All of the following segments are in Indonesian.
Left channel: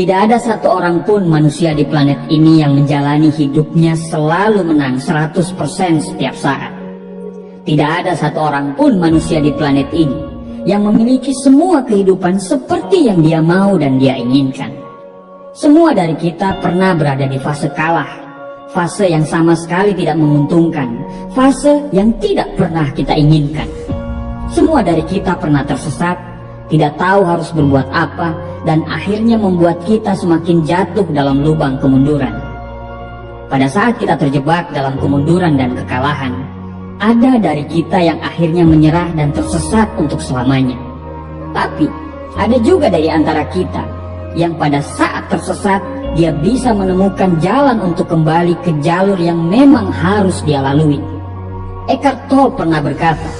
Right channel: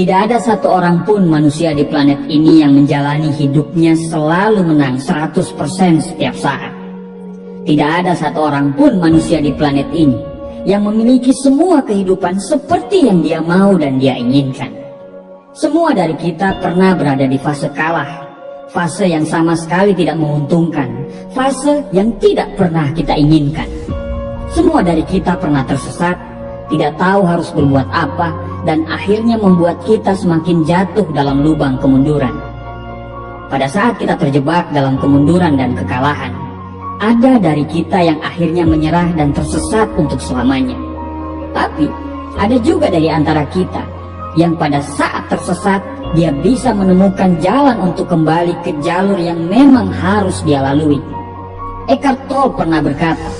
Tidak ada satu orang pun manusia di planet ini yang menjalani hidupnya selalu menang 100% setiap saat. Tidak ada satu orang pun manusia di planet ini yang memiliki semua kehidupan seperti yang dia mau dan dia inginkan. Semua dari kita pernah berada di fase kalah, fase yang sama sekali tidak menguntungkan, fase yang tidak pernah kita inginkan. Semua dari kita pernah tersesat, tidak tahu harus berbuat apa, dan akhirnya membuat kita semakin jatuh dalam lubang kemunduran. Pada saat kita terjebak dalam kemunduran dan kekalahan, ada dari kita yang akhirnya menyerah dan tersesat untuk selamanya. Tapi ada juga dari antara kita yang pada saat tersesat, dia bisa menemukan jalan untuk kembali ke jalur yang memang harus dia lalui. Eckhart Tolle pernah berkata,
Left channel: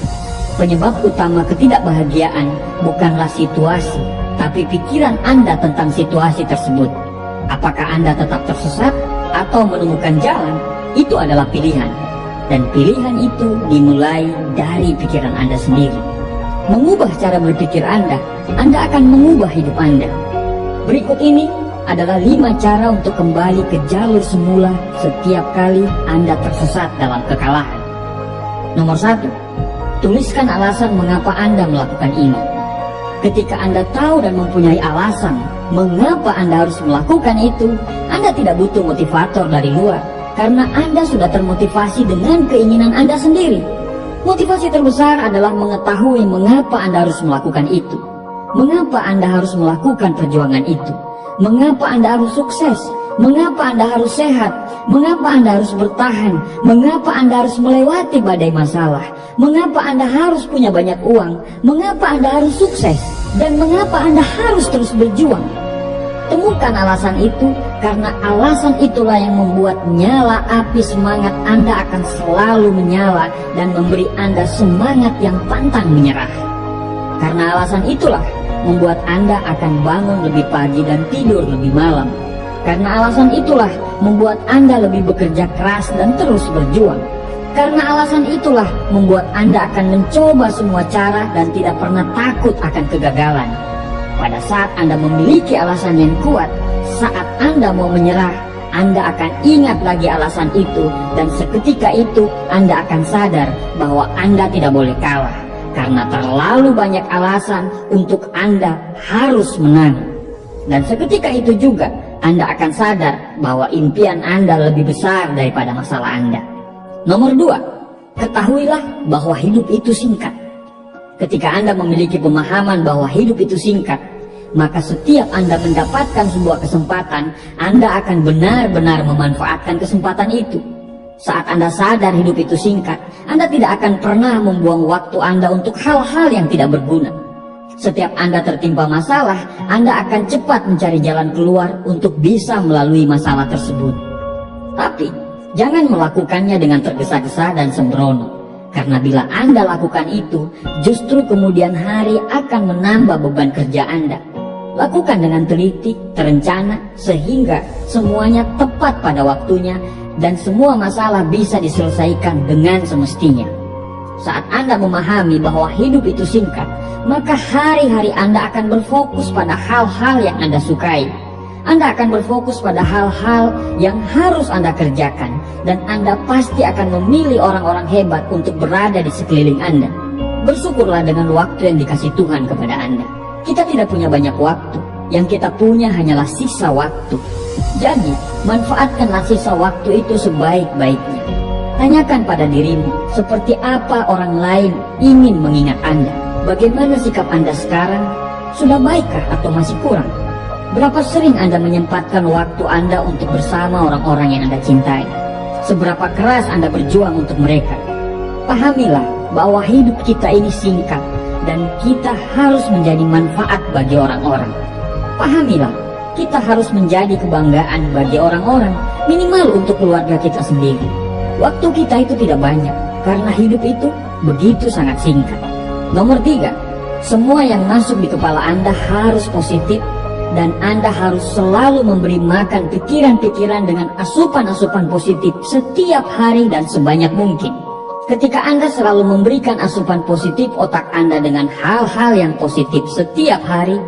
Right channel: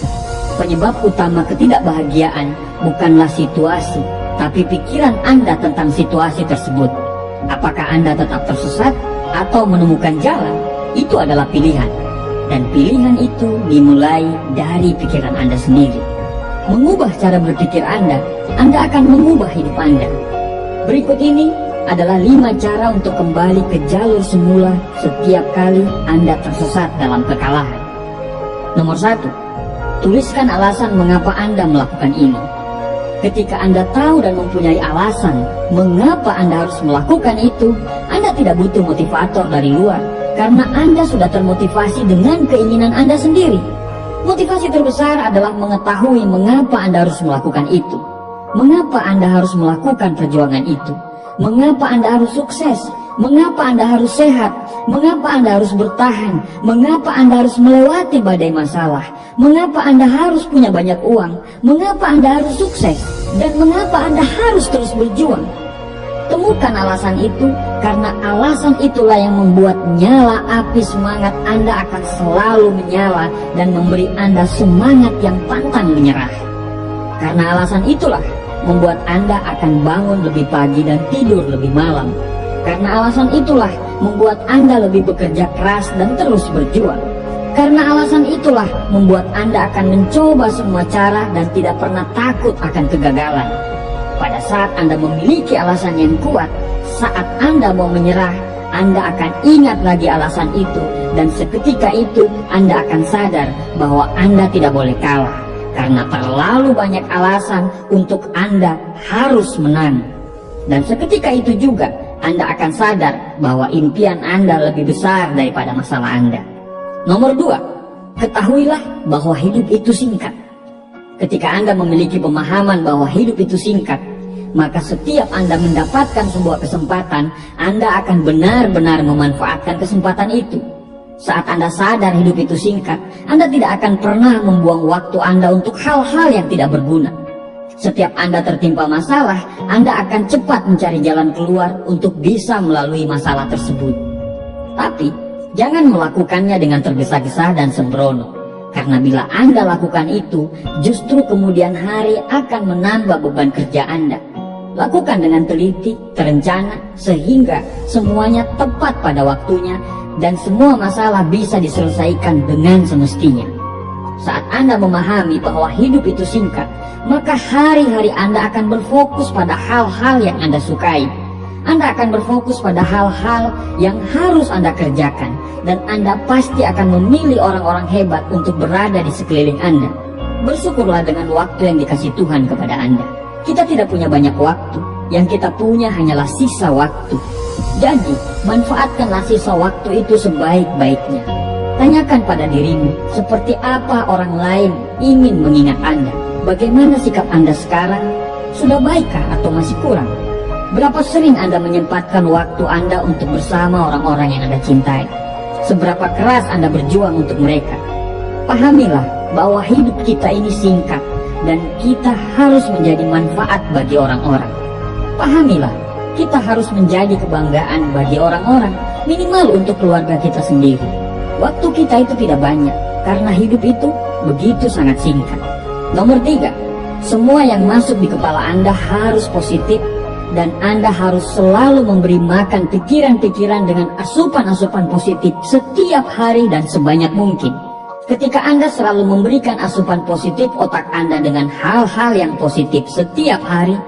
penyebab utama ketidakbahagiaan bukanlah situasi, tapi pikiran Anda tentang situasi tersebut. Apakah Anda tetap tersesat atau menemukan jalan? Itu adalah pilihan. Dan pilihan itu dimulai dari pikiran Anda sendiri. Mengubah cara berpikir Anda akan mengubah hidup Anda. Berikut ini adalah 5 cara untuk kembali ke jalur semula setiap kali Anda tersesat dalam kekalahan. Nomor 1, tuliskan alasan mengapa Anda melakukan ini. Ketika Anda tahu dan mempunyai alasan mengapa Anda harus melakukan itu, Anda tidak butuh motivator dari luar, karena Anda sudah termotivasi dengan keinginan Anda sendiri. Motivasi terbesar adalah mengetahui mengapa Anda harus melakukan itu. Mengapa Anda harus melakukan perjuangan itu? Mengapa Anda harus sukses? Mengapa Anda harus sehat? Mengapa Anda harus bertahan? Mengapa Anda harus melewati badai masalah? Mengapa Anda harus punya banyak uang? Mengapa Anda harus sukses? Dan mengapa Anda harus terus berjuang? Temukan alasan itu, karena alasan itulah yang membuat nyala api semangat Anda akan selalu menyala dan memberi Anda semangat yang pantang menyerah. Karena alasan itulah membuat Anda akan bangun lebih pagi dan tidur lebih malam. Karena alasan itulah membuat Anda lebih bekerja keras dan terus berjuang. Karena alasan itulah membuat Anda akan mencoba semua cara dan tidak pernah takut akan kegagalan. Pada saat Anda memiliki alasan yang kuat, saat Anda mau menyerah, Anda akan ingat lagi alasan itu, dan seketika itu Anda akan sadar bahwa Anda tidak boleh kalah. Karena terlalu banyak alasan untuk Anda harus menang. Dan seketika itu juga Anda akan sadar bahwa impian Anda lebih besar daripada masalah Anda. Nomor 2, ketahuilah bahwa hidup itu singkat. Ketika Anda memiliki pemahaman bahwa hidup itu singkat, maka setiap Anda mendapatkan sebuah kesempatan, Anda akan benar-benar memanfaatkan kesempatan itu. Saat Anda sadar hidup itu singkat, Anda tidak akan pernah membuang waktu Anda untuk hal-hal yang tidak berguna. Setiap Anda tertimpa masalah, Anda akan cepat mencari jalan keluar untuk bisa melalui masalah tersebut. Tapi, jangan melakukannya dengan tergesa-gesa dan sembrono. Karena bila Anda lakukan itu, justru kemudian hari akan menambah beban kerja Anda. Lakukan dengan teliti, terencana, sehingga semuanya tepat pada waktunya, dan semua masalah bisa diselesaikan dengan semestinya. Saat Anda memahami bahwa hidup itu singkat, maka hari-hari Anda akan berfokus pada hal-hal yang Anda sukai. Anda akan berfokus pada hal-hal yang harus Anda kerjakan, dan Anda pasti akan memilih orang-orang hebat untuk berada di sekeliling Anda. Bersyukurlah dengan waktu yang dikasih Tuhan kepada Anda. Kita tidak punya banyak waktu, yang kita punya hanyalah sisa waktu. Jadi, manfaatkanlah sisa waktu itu sebaik-baiknya. Tanyakan pada dirimu, seperti apa orang lain ingin mengingat Anda? Bagaimana sikap Anda sekarang? Sudah baikkah atau masih kurang? Berapa sering Anda menyempatkan waktu Anda untuk bersama orang-orang yang Anda cintai? Seberapa keras Anda berjuang untuk mereka? Pahamilah bahwa hidup kita ini singkat, dan kita harus menjadi manfaat bagi orang-orang. Pahamilah, kita harus menjadi kebanggaan bagi orang-orang, minimal untuk keluarga kita sendiri. Waktu kita itu tidak banyak, karena hidup itu begitu sangat singkat. Nomor 3, semua yang masuk di kepala Anda harus positif, dan Anda harus selalu memberi makan pikiran-pikiran dengan asupan-asupan positif setiap hari dan sebanyak mungkin. Ketika Anda selalu memberikan asupan positif otak Anda dengan hal-hal yang positif setiap hari,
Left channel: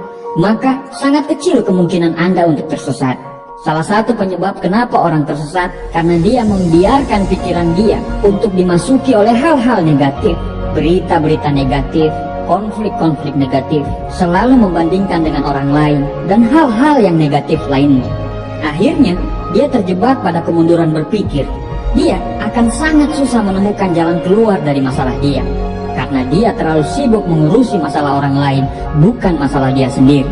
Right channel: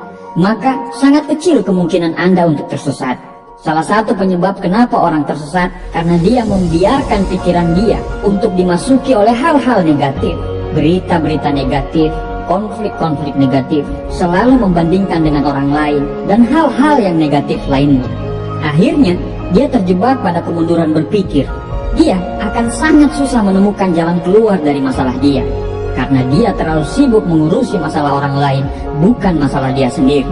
maka sangat kecil kemungkinan Anda untuk tersesat. Salah satu penyebab kenapa orang tersesat karena dia membiarkan pikiran dia untuk dimasuki oleh hal-hal negatif, berita-berita negatif, konflik-konflik negatif, selalu membandingkan dengan orang lain, dan hal-hal yang negatif lainnya. Akhirnya, dia terjebak pada kemunduran berpikir. Dia akan sangat susah menemukan jalan keluar dari masalah dia, karena dia terlalu sibuk mengurusi masalah orang lain, bukan masalah dia sendiri.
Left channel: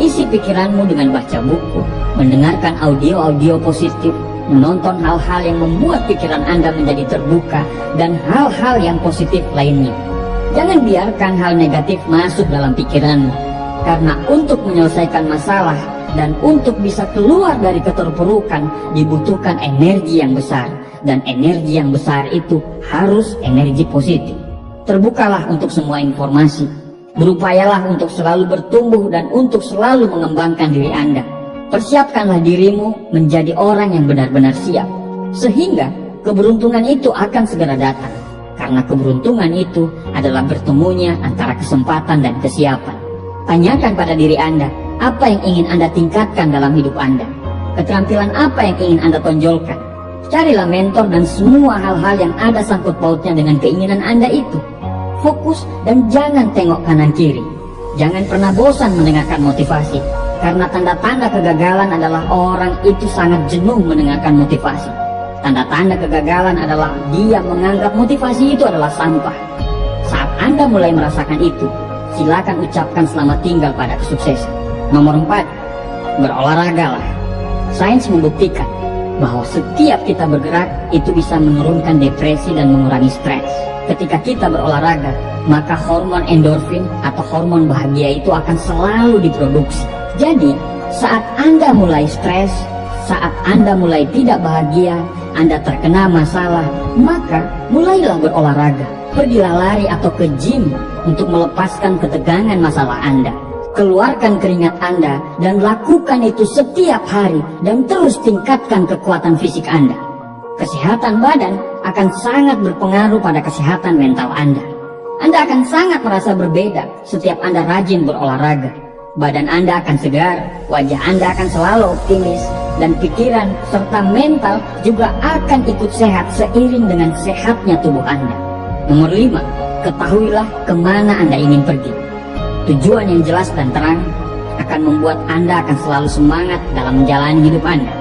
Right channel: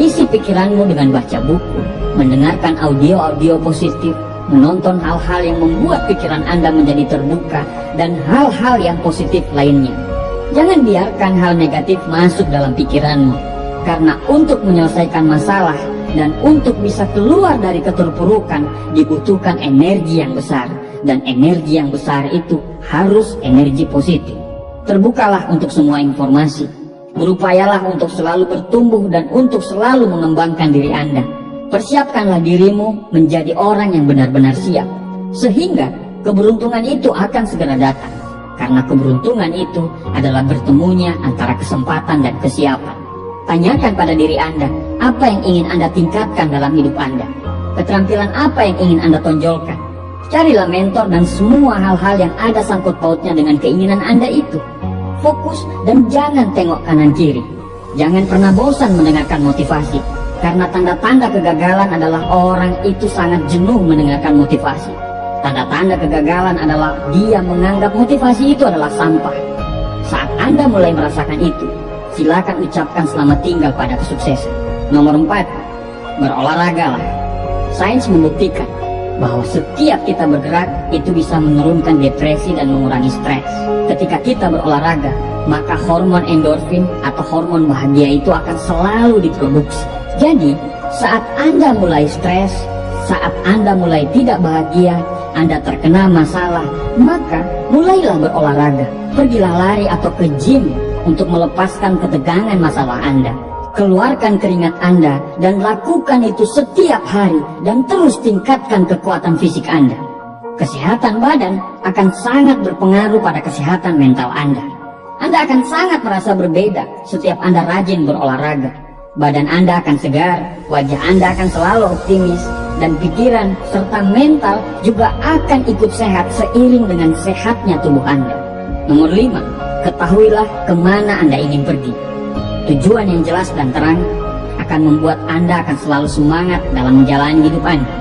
Isi pikiranmu dengan baca buku, mendengarkan audio-audio positif, menonton hal-hal yang membuat pikiran Anda menjadi terbuka, dan hal-hal yang positif lainnya. Jangan biarkan hal negatif masuk dalam pikiranmu, karena untuk menyelesaikan masalah dan untuk bisa keluar dari keterpurukan dibutuhkan energi yang besar, dan energi yang besar itu harus energi positif. Terbukalah untuk semua informasi. Berupayalah untuk selalu bertumbuh dan untuk selalu mengembangkan diri Anda. Persiapkanlah dirimu menjadi orang yang benar-benar siap, sehingga keberuntungan itu akan segera datang. Karena keberuntungan itu adalah bertemunya antara kesempatan dan kesiapan. Tanyakan pada diri Anda, apa yang ingin Anda tingkatkan dalam hidup Anda? Keterampilan apa yang ingin Anda tonjolkan? Carilah mentor dan semua hal-hal yang ada sangkut pautnya dengan keinginan Anda itu. Fokus dan jangan tengok kanan kiri. Jangan pernah bosan mendengarkan motivasi, karena tanda-tanda kegagalan adalah orang itu sangat jenuh mendengarkan motivasi. Tanda-tanda kegagalan adalah dia menganggap motivasi itu adalah sampah. Saat Anda mulai merasakan itu, silakan ucapkan selamat tinggal pada kesuksesan. Nomor 4, berolahragalah. Sains membuktikan bahwa setiap kita bergerak itu bisa menurunkan depresi dan mengurangi stres. Ketika kita berolahraga, maka hormon endorfin atau hormon bahagia itu akan selalu diproduksi. Jadi, saat Anda mulai stres, saat Anda mulai tidak bahagia, Anda terkena masalah, maka mulailah berolahraga. Pergilah lari atau ke gym untuk melepaskan ketegangan masalah Anda. Keluarkan keringat Anda dan lakukan itu setiap hari dan terus tingkatkan kekuatan fisik Anda. Kesehatan badan akan sangat berpengaruh pada kesehatan mental Anda. Anda akan sangat merasa berbeda setiap Anda rajin berolahraga. Badan Anda akan segar, wajah Anda akan selalu optimis, dan pikiran serta mental juga akan ikut sehat seiring dengan sehatnya tubuh Anda. Nomor 5, ketahuilah kemana Anda ingin pergi. Tujuan yang jelas dan terang akan membuat Anda akan selalu semangat dalam menjalani hidup Anda.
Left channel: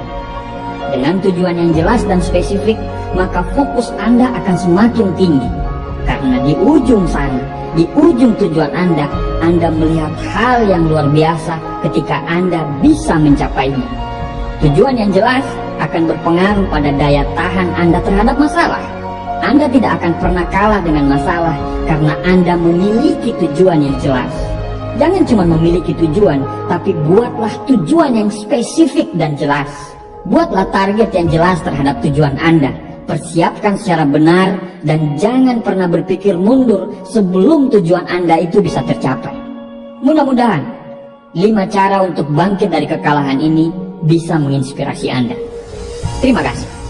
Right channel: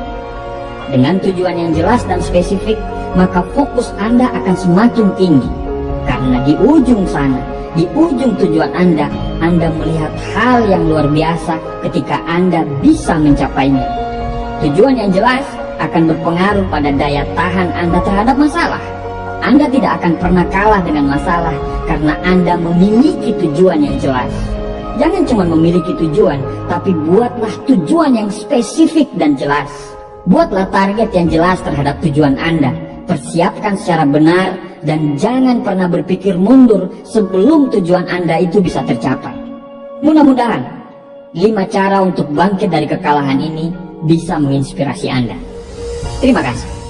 Dengan tujuan yang jelas dan spesifik, maka fokus Anda akan semakin tinggi. Karena di ujung sana, di ujung tujuan Anda melihat hal yang luar biasa ketika Anda bisa mencapainya. Tujuan yang jelas akan berpengaruh pada daya tahan Anda terhadap masalah. Anda tidak akan pernah kalah dengan masalah karena Anda memiliki tujuan yang jelas. Jangan cuma memiliki tujuan, tapi buatlah tujuan yang spesifik dan jelas. Buatlah target yang jelas terhadap tujuan Anda. Persiapkan secara benar dan jangan pernah berpikir mundur sebelum tujuan Anda itu bisa tercapai. Mudah-mudahan 5 cara untuk bangkit dari kekalahan ini bisa menginspirasi Anda. Terima kasih.